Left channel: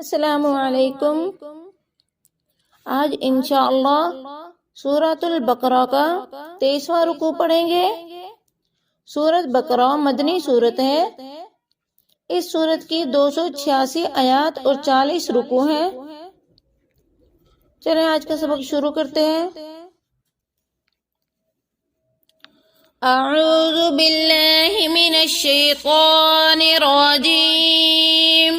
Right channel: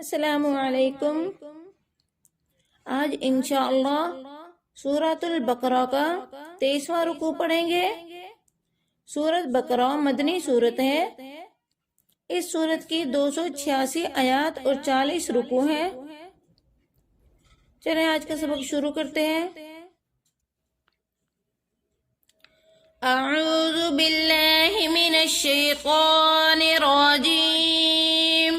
अस्सलामु अलैकुम। आज इंशाअल्लाह सूरतुल बकरा का 23वां रुकू पढ़ेंगे। सूरत बकरा मदनी सूरत है। इस सूरत की 286 आयात और 40 रुकू हैं। चलें आज का सबक शुरू करते हैं। अऊज़ु बिल्लाहि मिनश शैतानिर रजीम।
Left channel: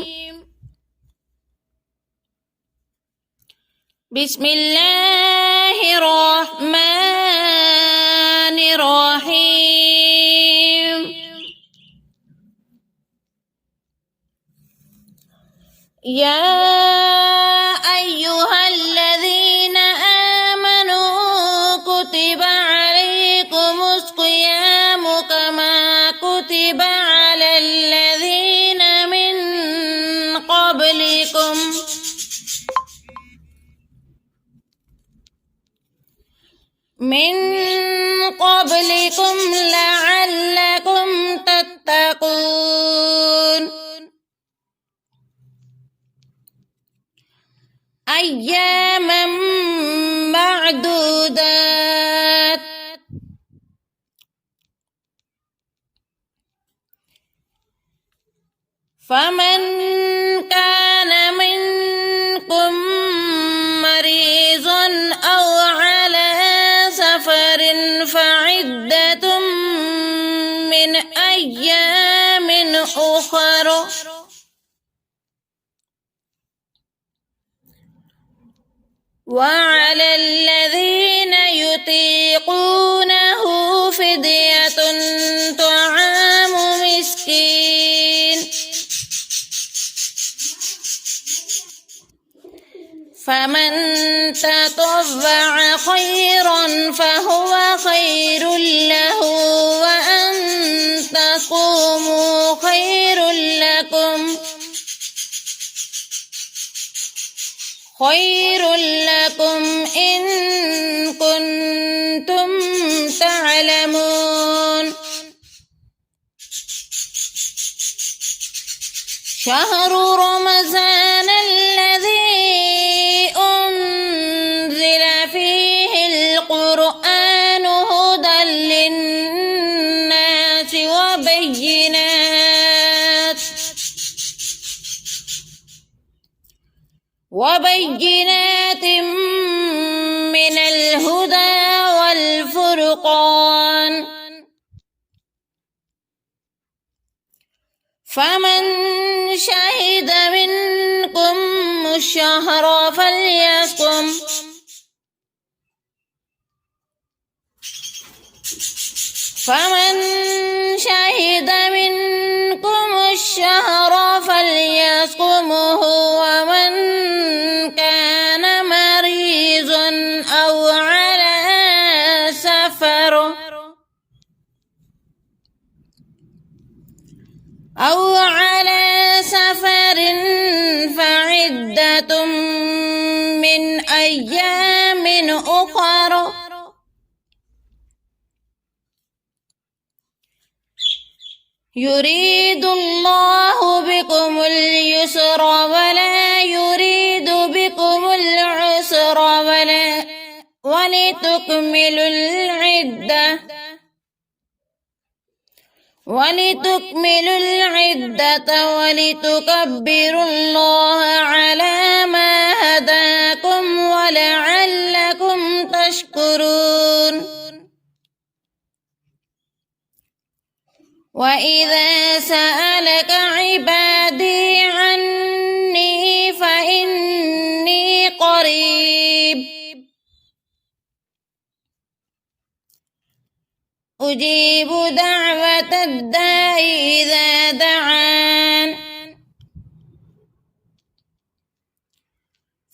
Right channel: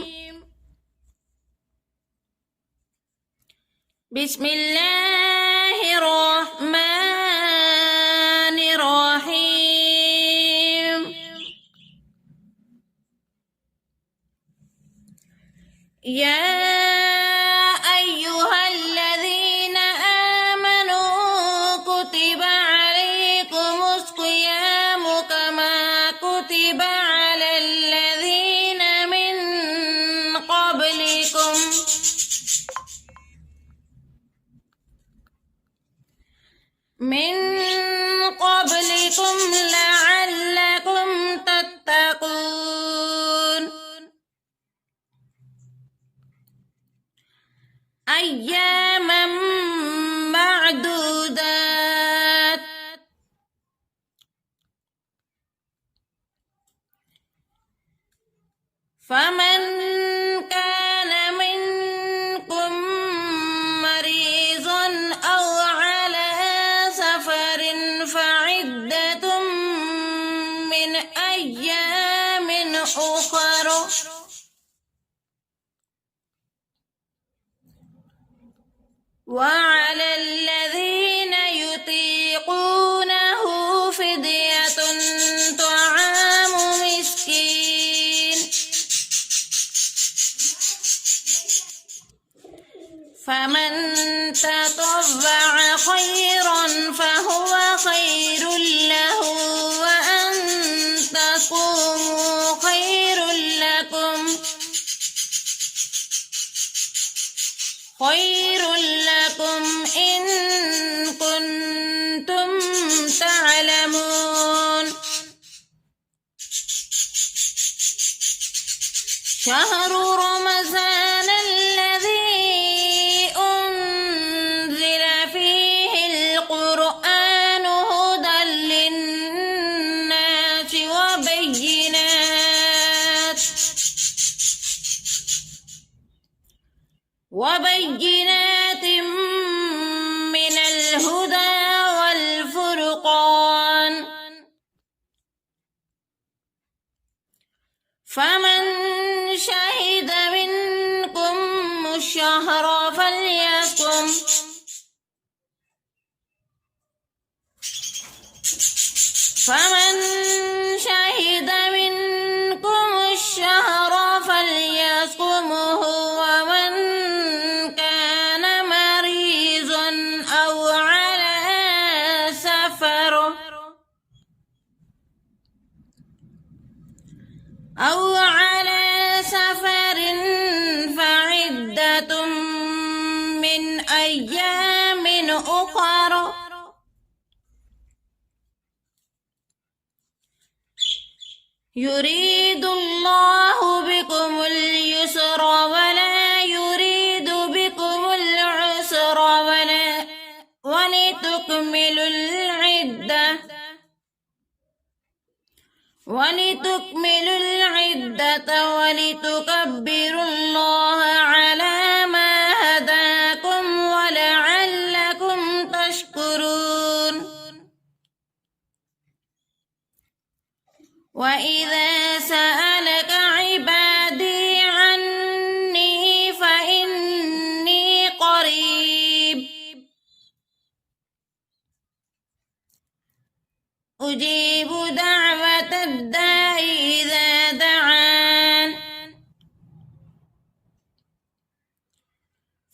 बिस्मिल्लाहिर्रहमानिर्रहीम। या अय्युहल्लज़ीना आमनू कुतिबा अलैकुमुस सियामु कमा कुतिबा अलल्लज़ीना मिन क़ब्लिकुम लअल्लकुम तत्तकून। अय्यामम मअदूदात। फमन कान मिनकुम मरीज़न औ अला सफरिन फइद्दतुम मिन अय्यामिन उखर। वअलल्लज़ीन युतीक़ूनहु फ़िद्यतुन तआमु मिस्कीन। फमन ततव्वअ खैरन फहुव खैरुल लहु व अन तसूमू खैरुल लकुम इन कुन्तुम तअलमून। शहरु रमज़ान الذي أنزل فيه القرآن هدى للناس وبينات من الهدى والفرقان. فمن شهد منكم الشهر فليصم. فمن شهد منكم الشهر فليصمه ومن كان مريضا أو على سفر فعدة من أيام أخر. يريد الله بكم اليسر ولا يريد بكم العسر ولتكملوا العدة ولتكبروا الله على ما هداكم ولعلكم تشكرون. وإذا سألك عبادي عني فإني قريب أجيب دعوة الداع إذا دعان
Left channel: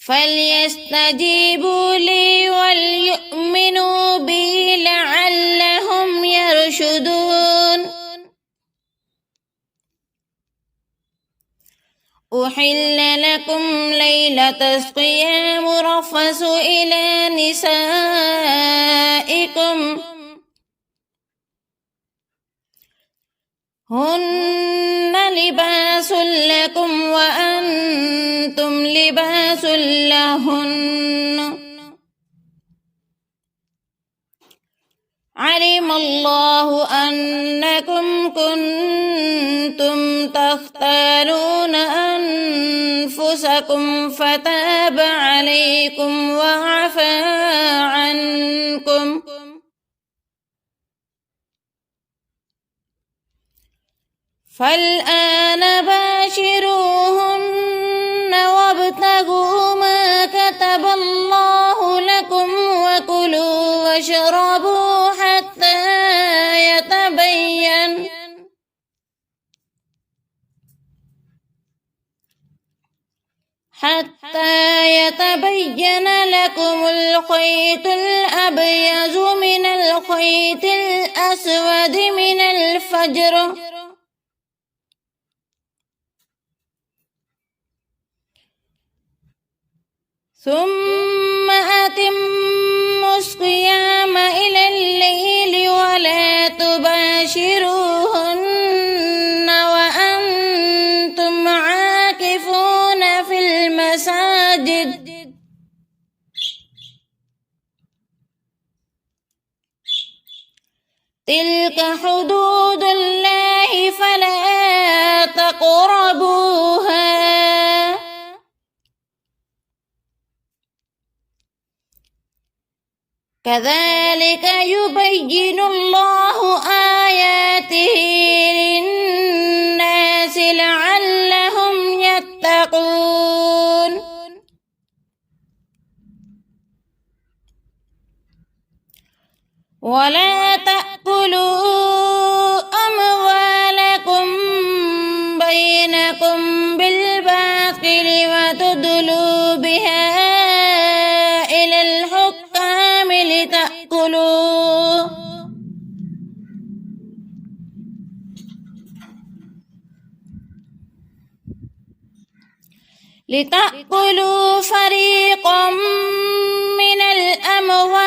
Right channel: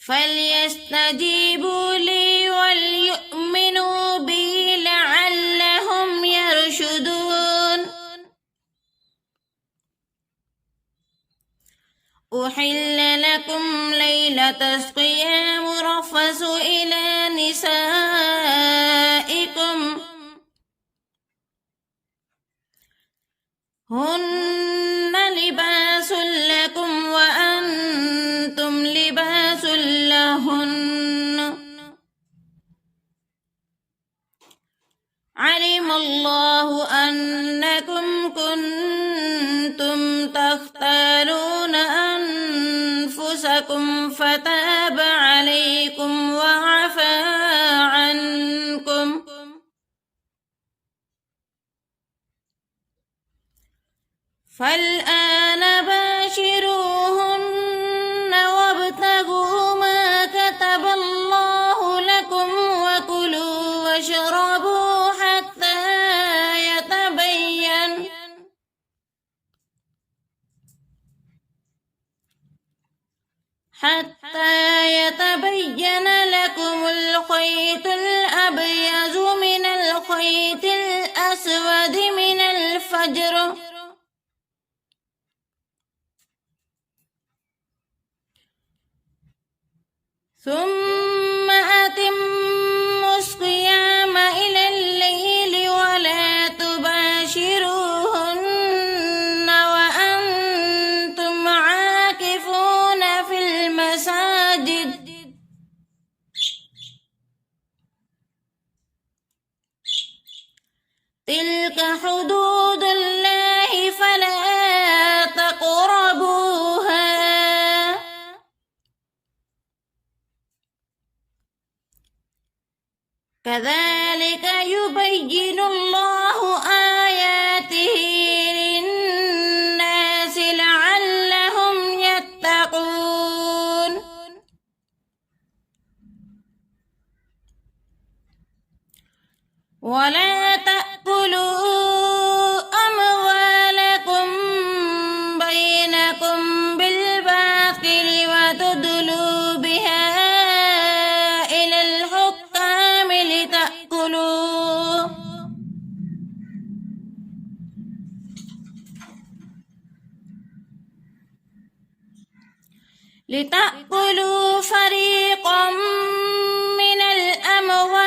فليستجيبوا لي وليؤمنوا بي لعلهم يرشدون. أحل لكم ليلة الصيام رفث إلى نسائكم هن لباس لكم وأنتم أنفسكم فتاب عليكم وعفى عنكم فالآن باشروهن وابتغوا ما كتب الله لكم وكلوا واشربوا حتى يتبين لكم الخيط الأبيض من الخيط الأسود من الفجر ثم أتموا الصيام إلى الليل ولا تباشروهن وأنتم عاكفون في المساجد تلك حدود الله فلا تقربوها كذلك يبين الله آياته للناس لعلهم يتقون ولا تأكلوا أموالكم بينكم بالباطل وتدلوا بها إلى الحكام لتأكلوا فريقا من الأموال